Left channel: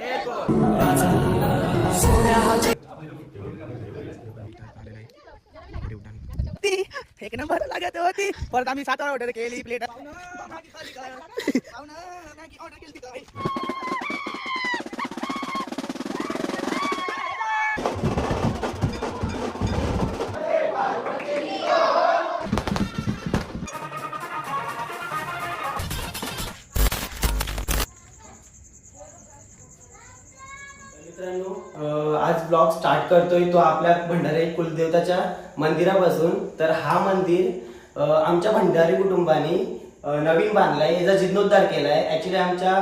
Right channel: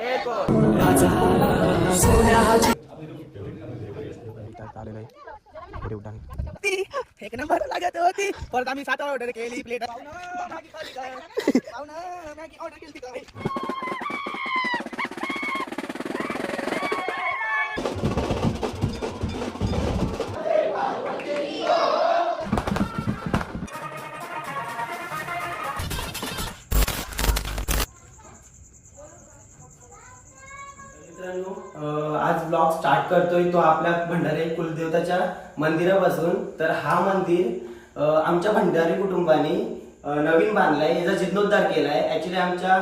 एक नंबर लागत होती परत आम्ही 7 ऑर्डर केली प्लेट आज ब्लॉग स्टार्ट करतोय तो आपल्या भंडारी कुलदेवताच्या मंदिरापासून. तर हा मंदिर आमच्या भंडारी कुटुंबाने नवीन बांधलाय, याचा जीर्णोद्धार केलाय. ऍक्च्युली आमच्या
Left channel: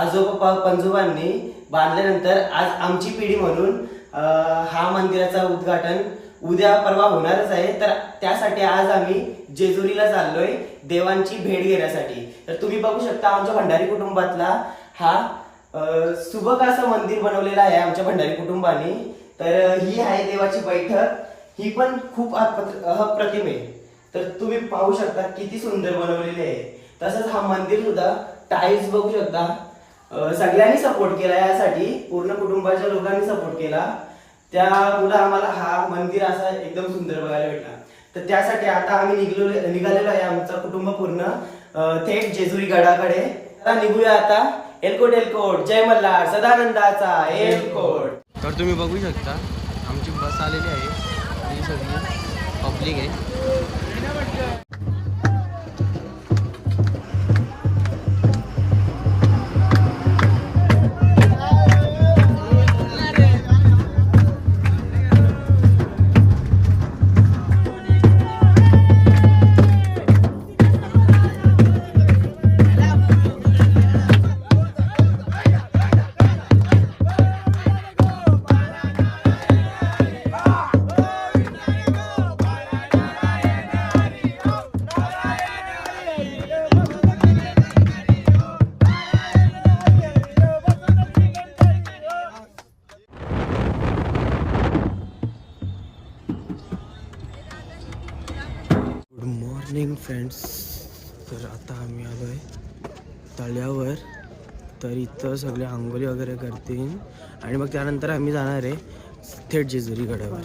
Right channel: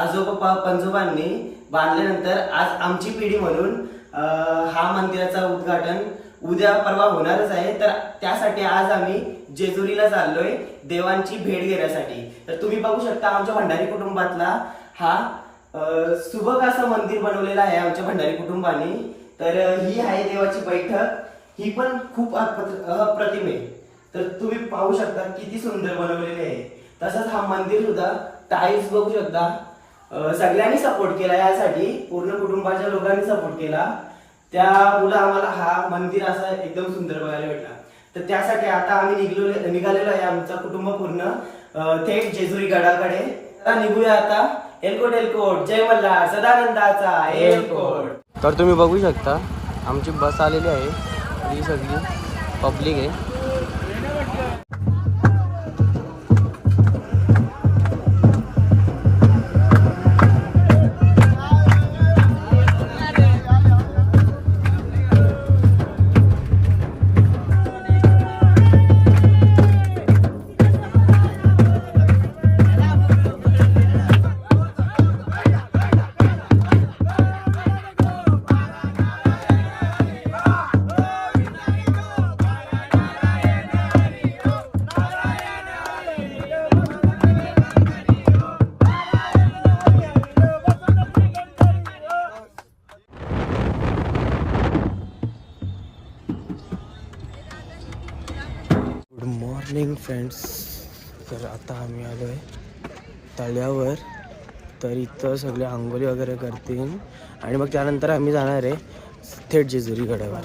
आजोबा पंजोबांनी बांधल्यानंतर आज आमची पिढी म्हणून हा मंदिराचा उद्घाटन उद्या परवा होणारच आहे. तर त्यासाठी आज आम्ही जेजुरीला चाललोय देवांची भेट घेण्यासाठी. तर तुम्ही बघू शकता आमच्या भंडारी कुटुंबातला हा सुबक असं मंदिर बनवलेलं आहे आमच्या भंडारी कुटुंबाने. तर ही आहे देवाची बैठक, ही पण खूप अप्रतिम आहे. तर तुम्ही पाहू शकता किती सुंदर बनवलेली आहे. तसंच हा मंदिर सुद्धा टाईल्स बघू शकता. सगळ्यांनी सपोर्ट केला यासाठी, पूर्ण कुटुंबाच्या लोकांनी सपोर्ट केला. त्यामुळे आम्हाला हा मंदिर असा एकदम सुंदर बघायला भेटला. तर त्यासाठी आता आम्ही निघालेलो आहे आमचा कुटुंब पूर्ण थेट जेजुरी गडाकडे. आता निघूया आता. एलकोट एलकोट, जय मल्हार, सदानंदाचा एलकोट. तर तुम्ही बघू शकता आमची बस आलेली आहे, ही सगळी पब्लिक आहे. मॉर्निंग फ्रेंड्स, तर आता आम्ही आलो आहे तळ्यावर. तर इथं सगळे आंघोळी वगैरे करतील आणि मग त्यानंतर आम्ही जाणार आहे थेट जेजुरी गडावर.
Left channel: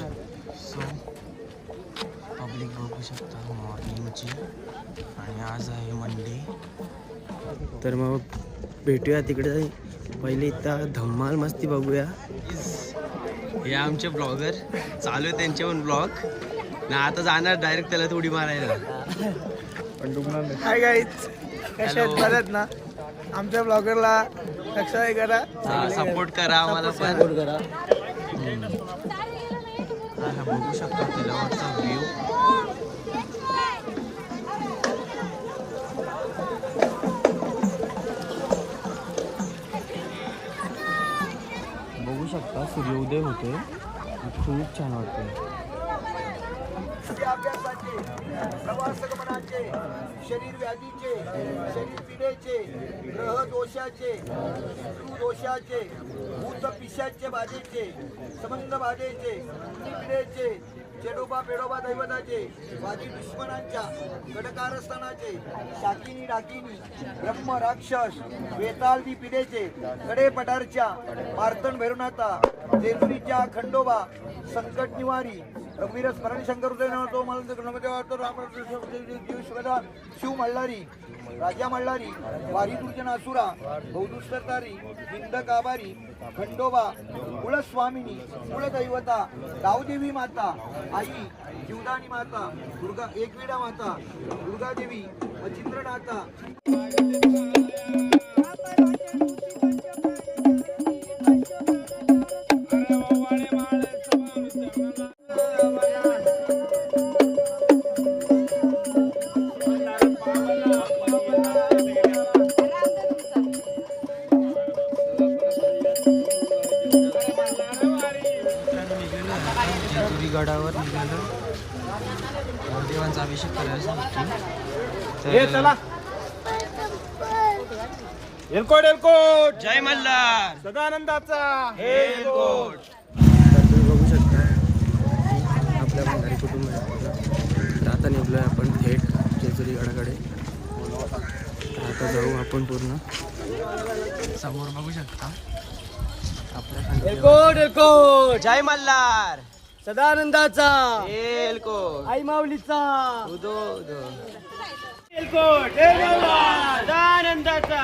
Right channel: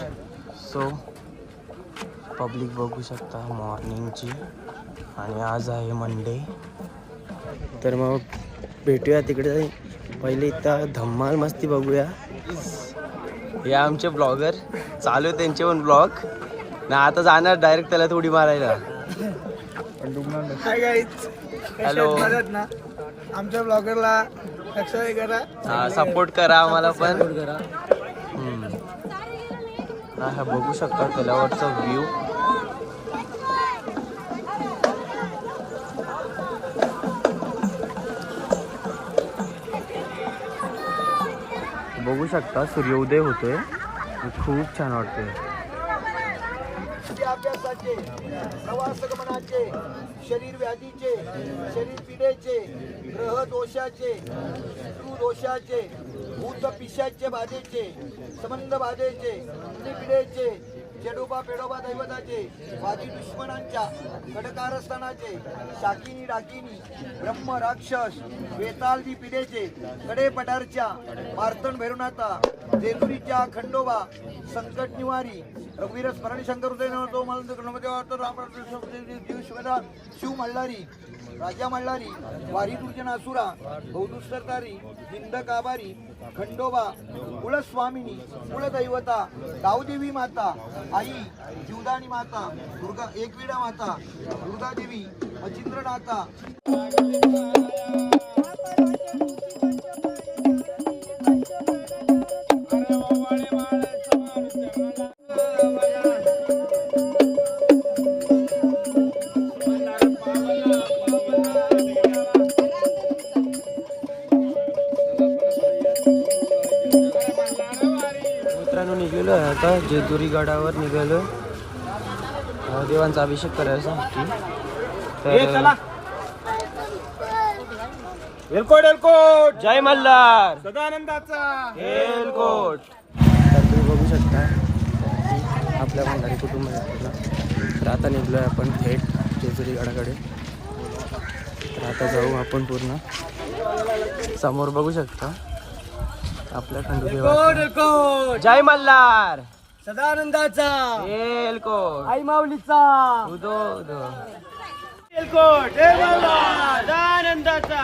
सो पब्लिक बघू शकता मॉर्निंगची, आणि आज आहे मंडे. तर मग भेटूया तिकडे. पहिले इथं धम्माल मस्ती बघूया. हे आमचे ब्लॉगर चालू आहे, त्यांचे पण ब्लॉग ना. आता जाणार डायरेक्ट त्याला थोडी मारायला. हाय गाईज, हॅलो ना. आमच्या ब्लॉगरला सबस्क्राइब करा, सपोर्ट करा आम्हाला पण. हा बघू शकता तलावाचा व्ह्यू. बघू शकता सूर्योदय होतोय, खूप छान वाटतोय. अभ्यासाचे, प्रवास गमनाचे, शरीर व्याधीचे, शरीर पिढेचे, ग्रह दोषाचे, शत्रू दोषाचे, भूत पिशाचे बाधेचे, संबंध बाधेचे, पिढेचे, चेडोबा पेडोबा दैवताचे, वादी दुश्मनांच्या कडकारस्थानाचे, शाकिनी डाकिनी, ब्रह्म राक्षस, वेतालदी पिढेचे, कडे पठारच्या, मार्तंड भैरवनाथा, जेजुरीच्या खंडोबा, संकट निवारी, रघुवीर स्मरण शंकर हृदय नवतो राम शिव मल्हारी, राजा मल्हारी, वारी दुर्जन असुरा, बहुदुस्तरतारी, हिंद काबारी, खंडोबा, कुलस्वामिनी, कुलदैवता, गावदेवी माता, आई, जीवदानी माता, दुर्गा एकविडा माता, दुर्गा देवी, मचिंद्रनाथा. निघालो आहे आता जेजुरी गडावर निघालो. देवांचा अभिषेक करायला सांगते. एलकोट एलकोट, जय मल्हार, सदानंदाचा एलकोट. तर तुम्ही बघू शकता आपल्या भंडारी कुटुंबाला. तर आता निघलो आहे आपण थेट जेजुरी गडाकडे. तर आता जाऊ आपण पूर्ण. समोर बघू शकता आपल्या खंडोबा. जय मल्हार. सदानंदाचा एलकोट. आई माऊलीचा उदो उदो. एलकोट जय मल्हार. सदानंदाचा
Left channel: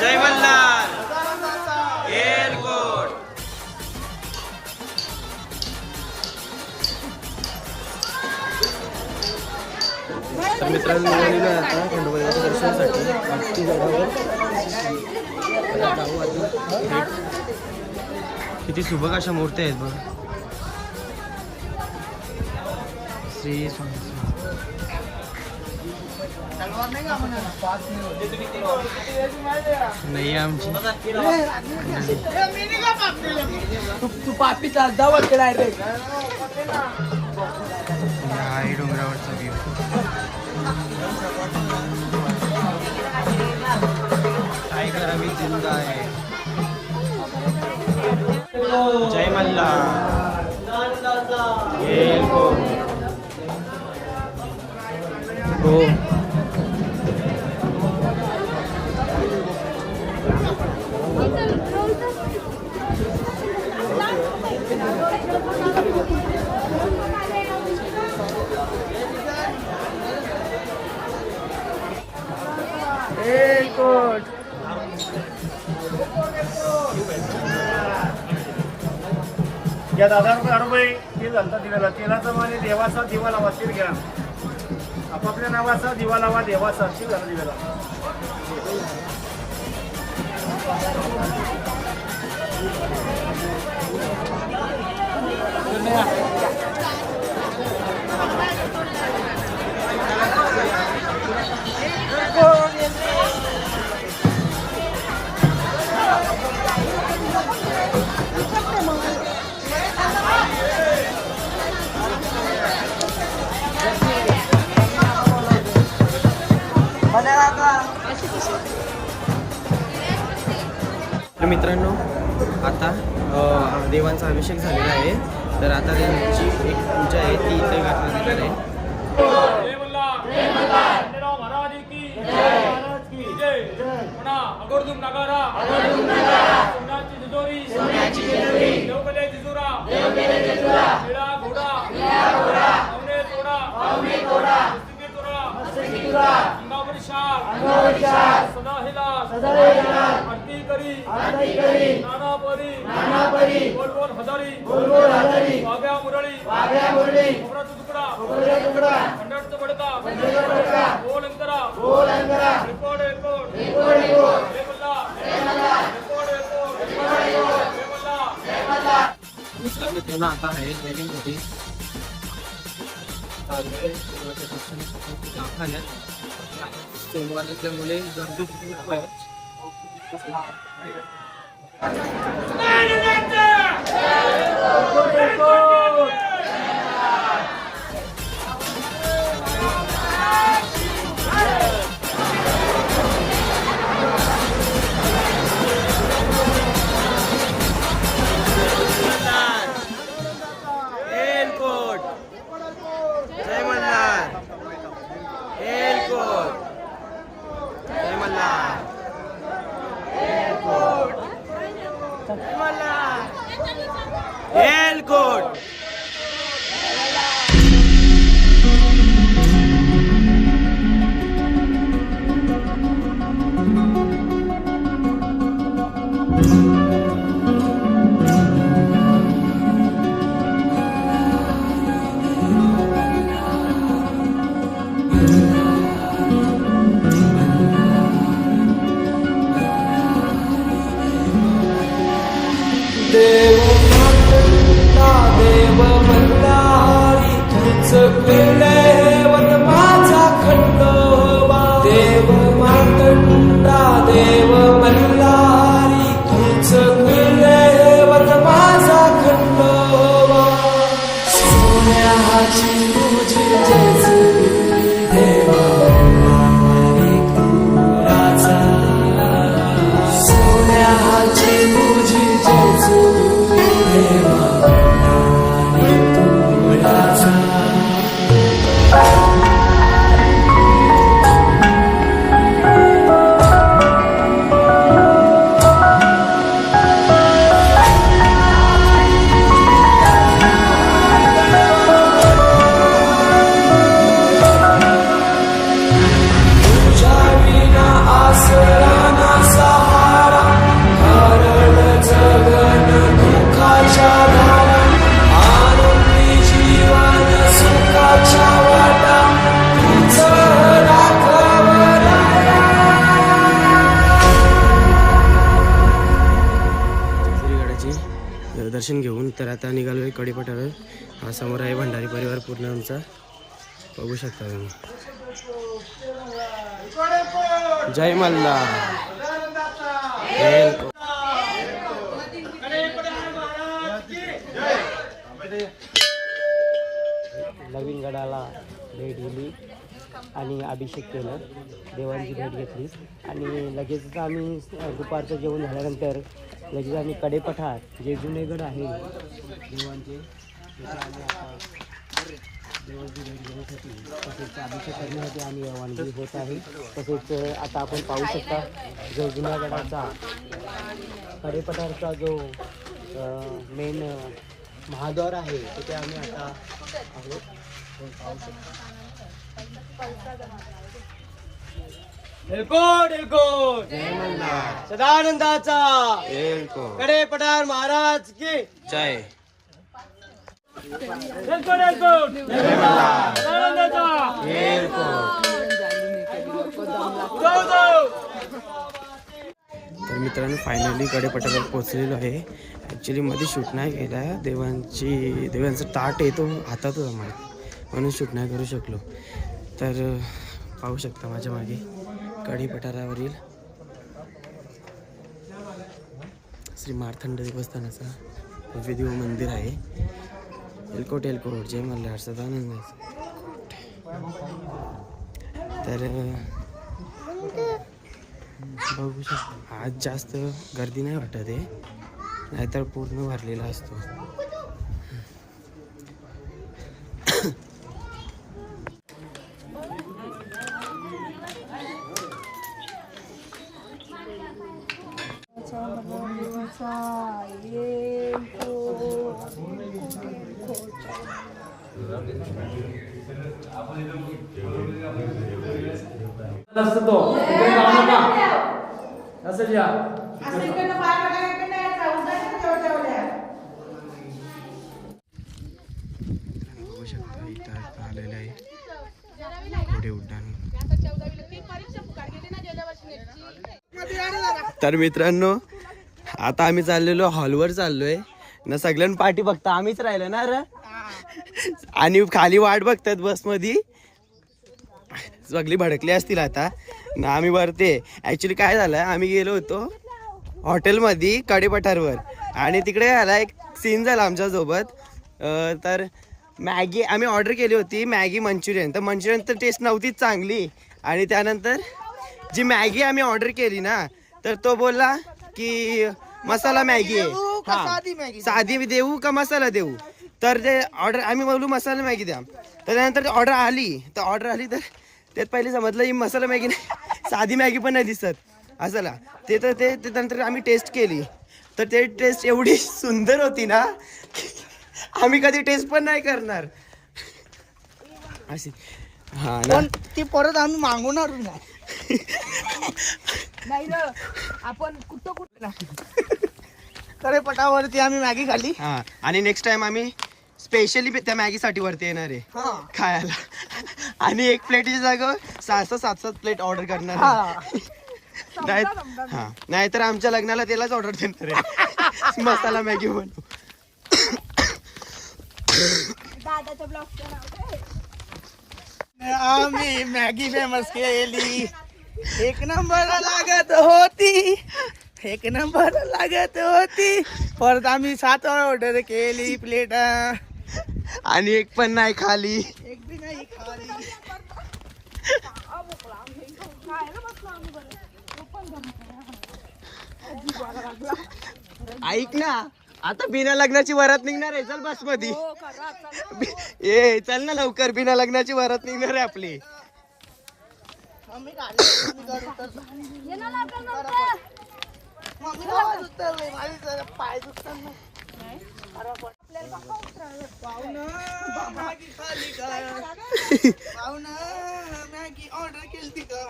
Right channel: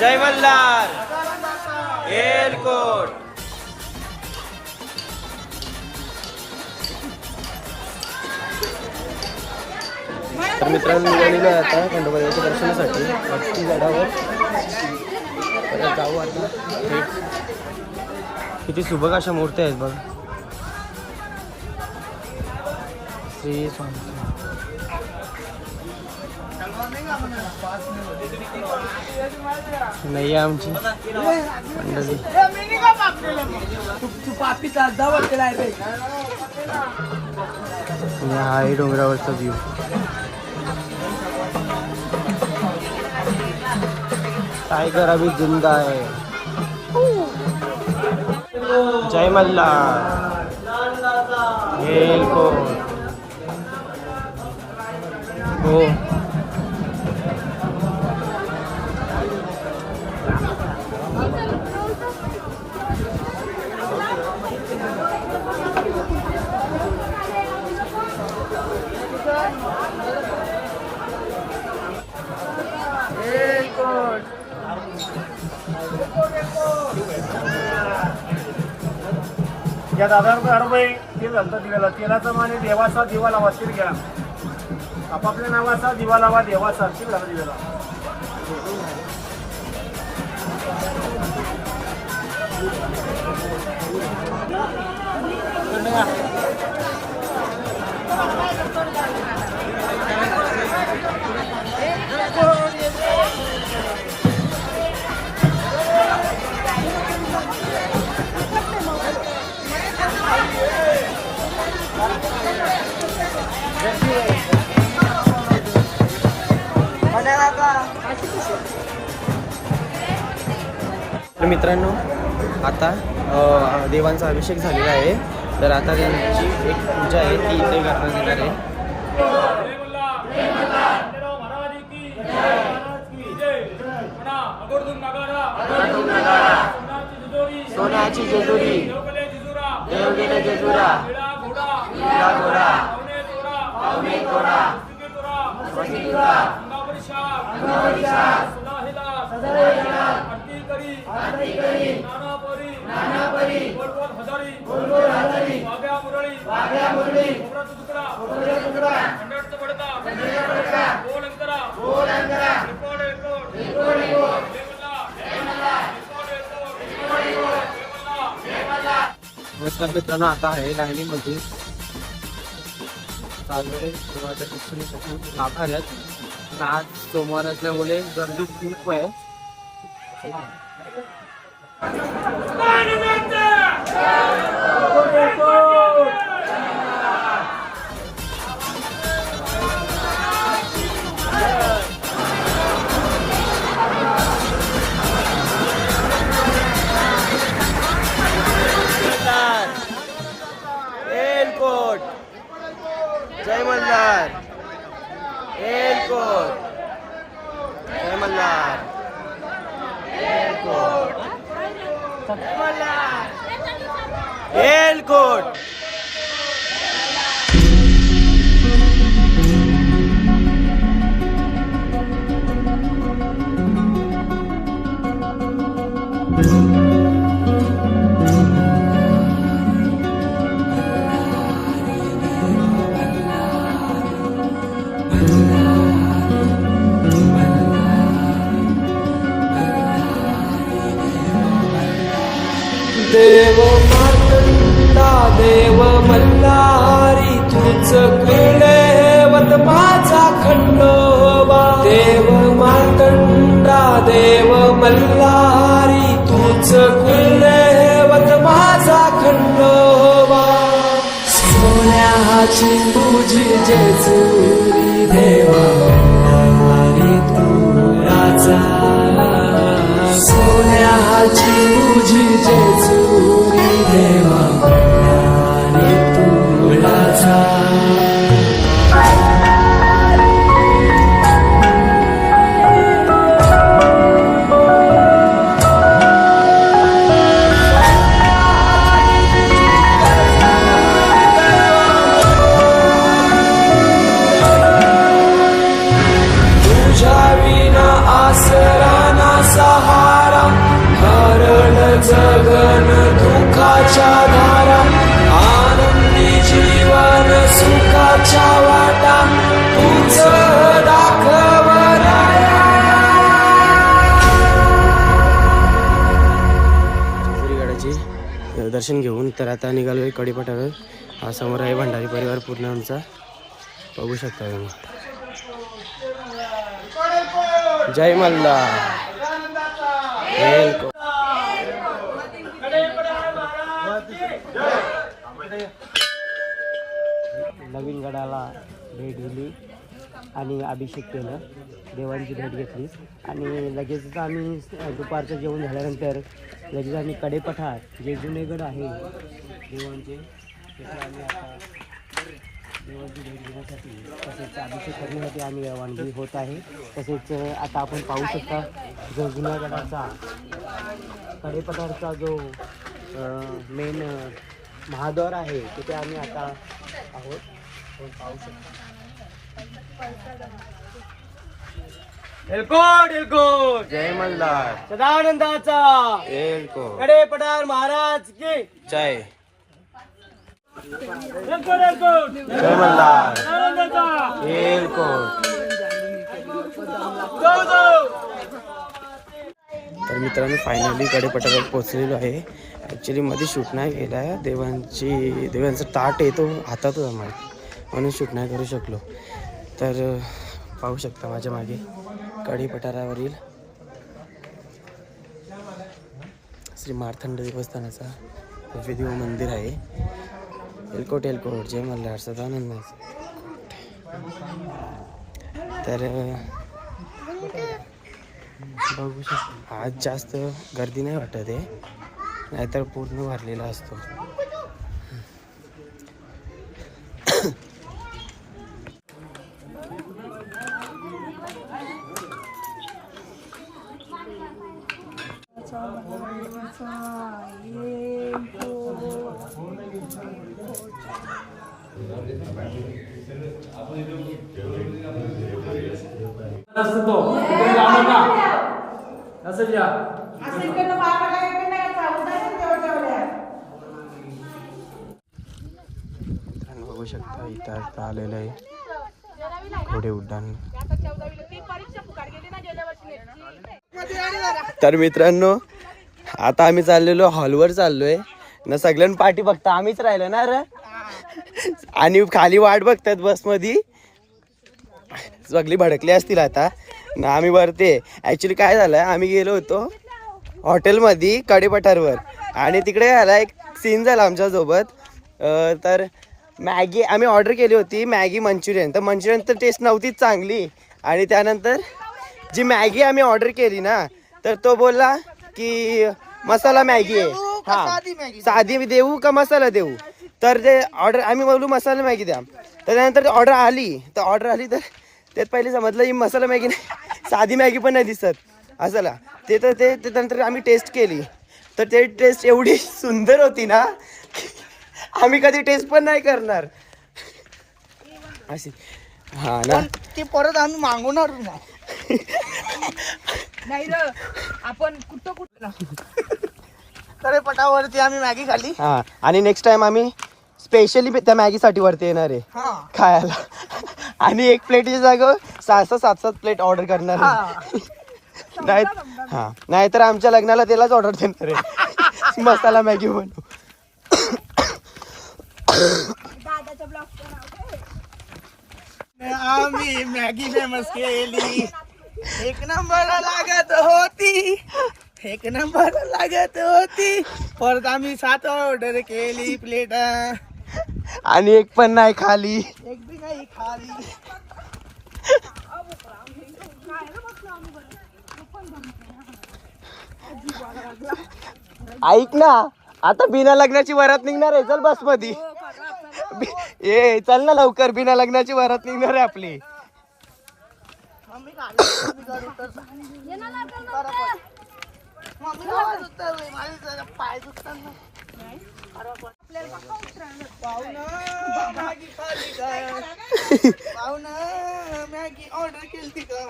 जय मल्हार. एलकोट. तर मित्रांनो निघालेलो आहे आता खंडोबा देवाच्या दर्शनासाठी भक्ती गडावर. तर जाऊ आता थेट. किती सुबक अशा मूर्त्या आहेत बघ. श्री स्वामी. नाही आमची मंडळी. तू पापीचा दावत केलाय रे. आणि हा आहे डोंगरावरचा व्ह्यू. टायगर अभी जिंदा है. जय मल्हार. एलकोट. हो. या दादा रुपये ते झालं दिव्याला. तेलाचा माने देवाचा दिवा लावा. शील घ्या. आपापल्या नावाचा दिवा लावा. देवाचा शील घाला दिव्याला. तर मित्रांनो आता देवांचा अभिषेक झालेला आहे. तर आता त्यांची एक पूजा आहे ती इथे करण्यात येणार आहे. सोन्याची जेजुरी. मित्रांनो आता आहे लाईनीमध्ये आज सोमवार असल्यामुळे गर्दी खूप आहे. एलकोट. जय मल्हार. एलकोट. जय मल्हार. एलकोट. जय मल्हार. एलकोट. देव मार्तंडा देव मल्हारी तूच कुलदैवत माझा खंडोबा. देव मार्तंडा देव मल्हारी तूच कुलदैवत माझा खंडोबा. सोन्याची तुझी जेजुरी देवा मल्हारी तू राजा. सोन्याची तुझी जेजुरी देवा मल्हारी दर्शन घेऊन तर आता निघालो आहे कडेपठारावर. हा समोर आहे भंडारी परिवार पूर्ण आमचा, बघू शकता तुम्ही. जय मल्हार. नवीन गडाला भेट दिली आणि अभिषेक केला, देवांची भेट घेतली आणि लगेच आम्ही दुपारचं जेवण झाल्यानंतर लगेच आम्ही कडेपठार जे जुने गड आहे देवांचे त्याचे आम्ही आता देवांची भेट घेण्यासाठी तसेच अभिषेक करण्यासाठी आम्ही रवानगी होत आहे. तसेच आता आपण पाहू शकता जो जुन्या गडाचा कडेपठारचा जो मेन महाद्वार आहे तिथे आम्ही आता आहोत. पाहू शकता एलकोट एलकोट जय मल्हार. सदानंदाचा एलकोट. कडेपठार महाराज की जय. एलकोट एलकोट जय मल्हार. सदानंदाचा एलकोट. जाऊ जाऊ. तर मित्रांनो फायनली कडेपठारावर पोहोचलेलो आहे. ॲक्च्युली मध्ये शूट नाही केला आहे, देवांचा ताट आहे तो हातात होता माहिती, म्हणून शूट नाही करू शकलो. तर पाहू शकता माझ्या मागे कडेपठारावरील श्री मार्तंड देवस्थानाचा भव्य दिव्य मंदिर आहे. एलकोट एलकोट जय मल्हार सदानंद. तर बघू शकता आज जास्त गर्दी नाही वाटत आहे, नाहीतर पूर्ण भरलेला असतो. बघू शकता इथं आता आलेलं आहे घोडे उड्डाण. तर मित्रांनो आता आम्ही चाललेलो हॉलवर चाललोय ना, सगळ्यांना पाठी फक्त आम्हीच राहिलो ना रे, आणि खाली वाट बघतात बसमध्ये, सगळी भडकली असतील आता ना. आम्ही वरते ॲक्च्युली काय झालं, आम्ही गेलो होतो हॉटेलमध्ये कडेपठारवर आणि तिकडे झाला एक सीन झाला आमच्यासोबत. तर मॅगी आम्ही ऑर्डर केली होती, मॅगी मंचुरियन. तर मंचुरियन तर टेस्ट नव्हतीच चांगली, आणि त्यानंतर जी मॅगी आम्ही ऑर्डर केली ना तर तो बोलला की मसाला मॅगी आहे, हां साधी देऊ का मसाला देऊ. तर ते ऑर्डर आम्ही बोलू मसाला मॅगी द्या. तर त्यानंतर ऑर्डर आली तर त्यात पहिले समजलं ही मसाला मॅगी नाही, साधी मॅगी पण नाही दिसत असाला. ते नंतर आम्ही टेस्ट केली तर ते टेस्ट एवढी सुंदर होती ना, आम्ही कधी टेस्ट पण नाही करणार अशी. हा ना, ती परत आम्ही मागवणार ना. नाही रे, आपण कुठं कडेपठारावरती आम्ही मॅगी खाल्ली. हा, आणि नेक्स्ट टाइम आम्ही स्पेशली त्या मॅगीसाठी वरती येणार आहे खायला, आणि एक प्लेटची जागा 6-7 प्लेट ऑर्डर करणार आहे. नाहीतर आमच्या लग्नाला त्यालाच ऑर्डर देणार आहे मसाला मॅगी म्हणून. दादाच्या ब्लॉगचं नाव काय? आम्ही मॅगी फेमस केली, एक नंबर लागत होती, एक नंबर लागत होती. परत आम्ही 7 ऑर्डर केली प्लेट, आणि एक पण नाही खाली. एक बी नाही खाली. ऐक ना, आता बिना लग्नाची वरात निघणार आहे, चल बस मध्ये ये, चल ना लवकर, बिना लग्नाची वरात निघणार आहे आपली. पाय दुखताना मॅगी खाली का, पाहुणा मॅगी ऑर्डर केली का,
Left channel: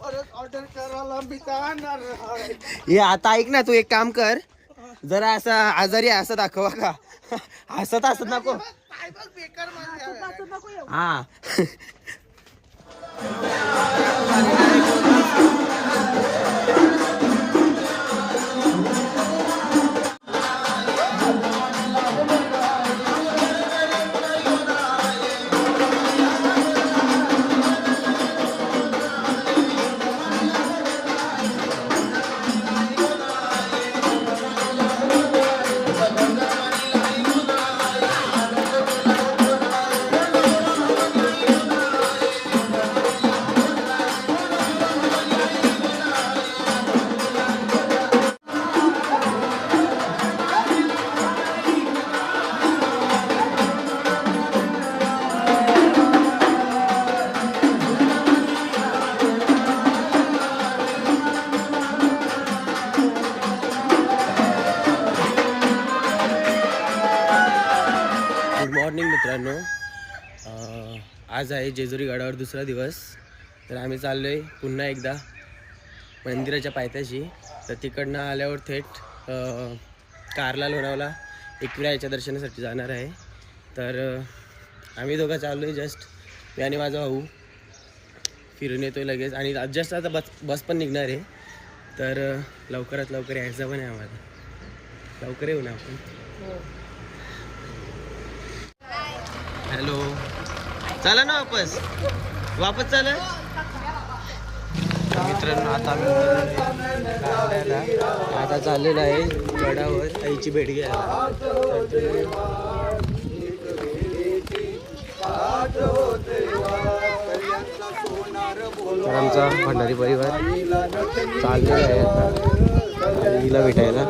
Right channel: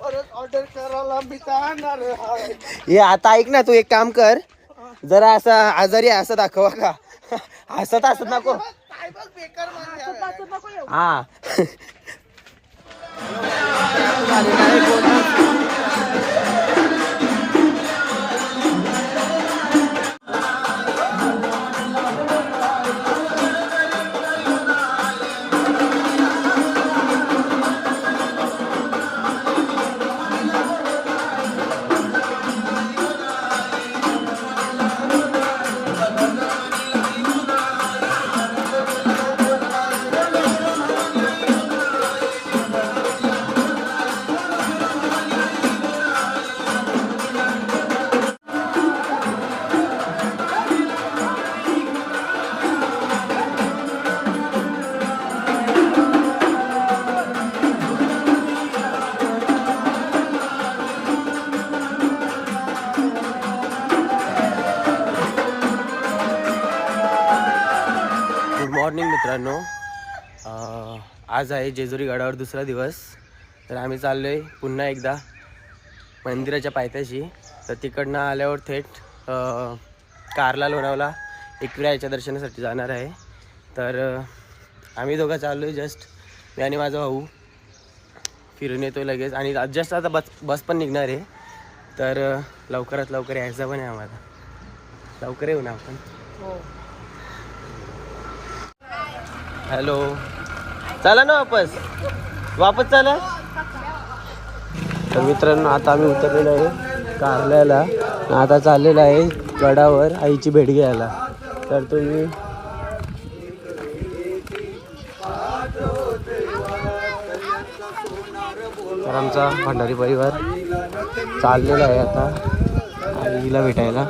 परत ऑर्डर करायला मी जाणार. ये आता ऐक ना, तू एक काम कर, जरा असं आजारी असं दाखवा का, हसत नको. काय बघ बेकार म्हणजे हा मित्रांनो, आज आहे जेजुरी गडावर दुसरा दिवस. तर आम्ही चाललो आहे पुन्हा एकदा मंदिराच्या पायथ्याशी. तर तिकडनं आल्यावर थेट कारला लोणावला एकविरायाच्या दर्शनासाठी जाणार आहे. तर आम्ही दोघं चाललो आहे जस्ट, मी आणि माझा भाऊ फिरून येतो लगेच. आणि जस्ट आता बस पण निघणार आहे. तर लवकरात लवकर यायचं पण आहे आम्हाला. लवकर येऊ ना आपण. हॅलो, चला ना वापस चला. तर मित्रांनो, आता आम्ही उतरलेलो आहे कारल्याला. आता चाललेलं आहे गडावर आईची भेट घ्यायला. तर तुम्ही तर आमचा भंडारी परिवार चाललेला आहे आता आईला भेटायला.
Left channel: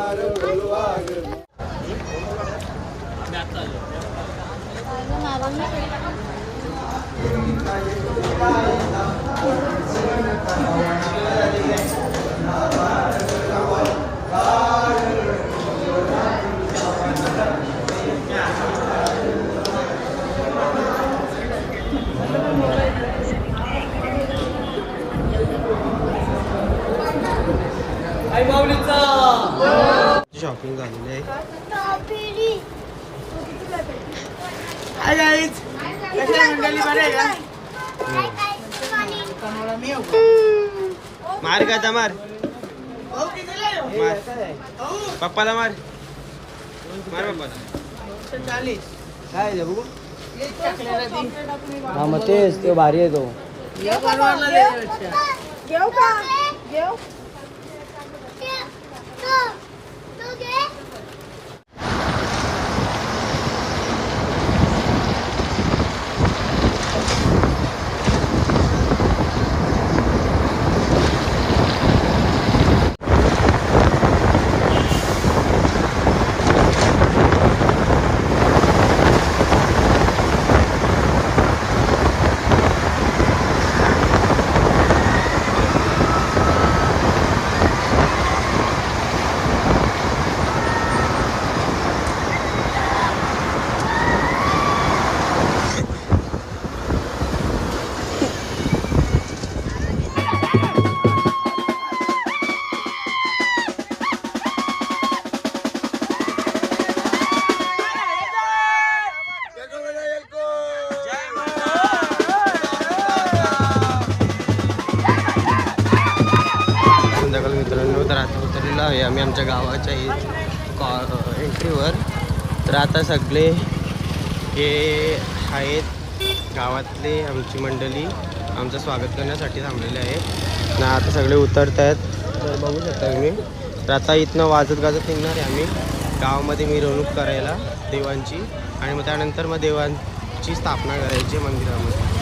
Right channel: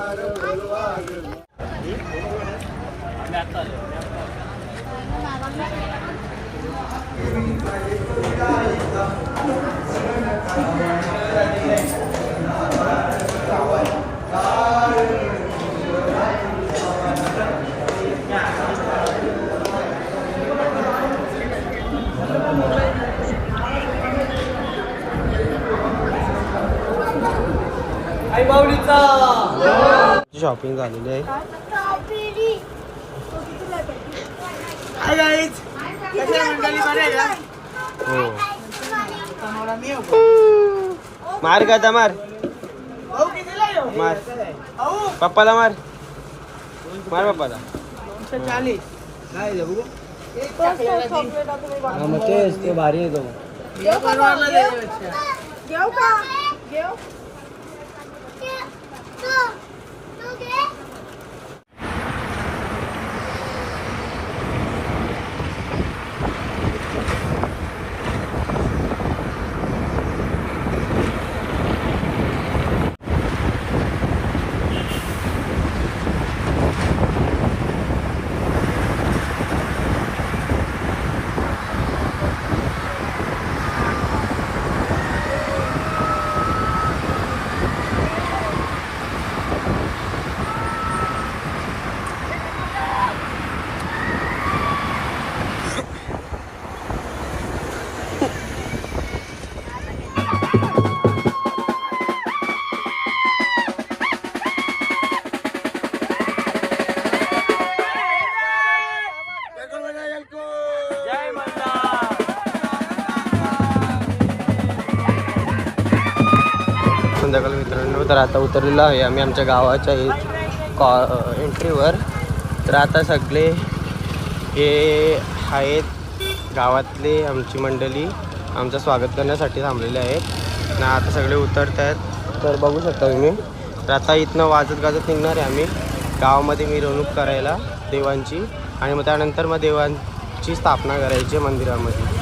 शॉपिंग झालेली आहे. हाय गाईज, कसे मंडळी, बरे आहे का? हो, कोणाला मी येऊ? मार का आता मार भाऊ कितीला येऊ? मार भाऊ, पप्पाला मार पप्पाला. 40. काय दे बघू. एक टाकलेला ती. हा मग तेच ते भारी आहे तो. या परवाला द्यायपेक्षा. घेऊ का घेऊ संध्याकाळी मित्रांनो, तर आता उतरलेलो आहे आम्ही आमच्या गावाच्या एंट्रीवर. तर आता सगळे हे आहेत गावातले आमची मंडळी आमचं स्वागत करण्यासाठी थांबलेले आहेत ना. आता सगळे उतरत आहेत, तर बघू शकता तुम्ही. तर आता इथनं वाजत गाजत निघणार आहे आम्ही गावामध्ये मिरवणूक करायला देवांची. आणि मग त्यानंतर मग देवांची स्थापना करायची मंदिरामध्ये.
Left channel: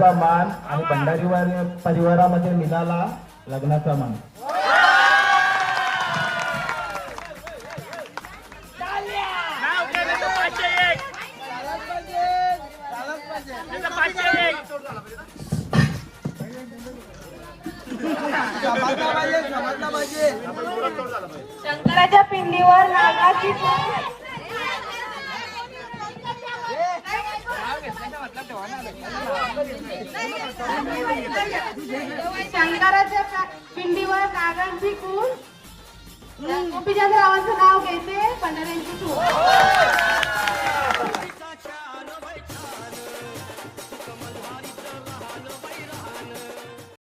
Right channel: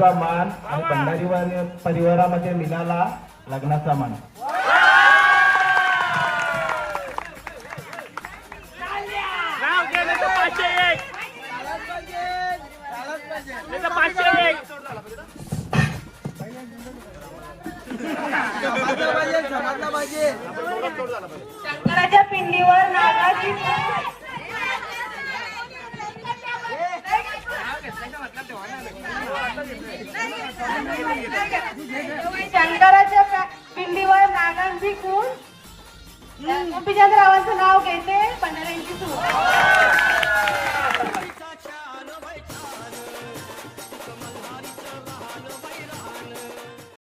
कुलदेवचा मान आणि भंडारी परिवारामध्ये मिळाला लग्नाचा मान. शंकराच्या पिंडीवर नागाची शंकराच्या पिंडीवर नागांची खून गोपीचंद रावांचं नाव घेते पंढऱ्यांची खून.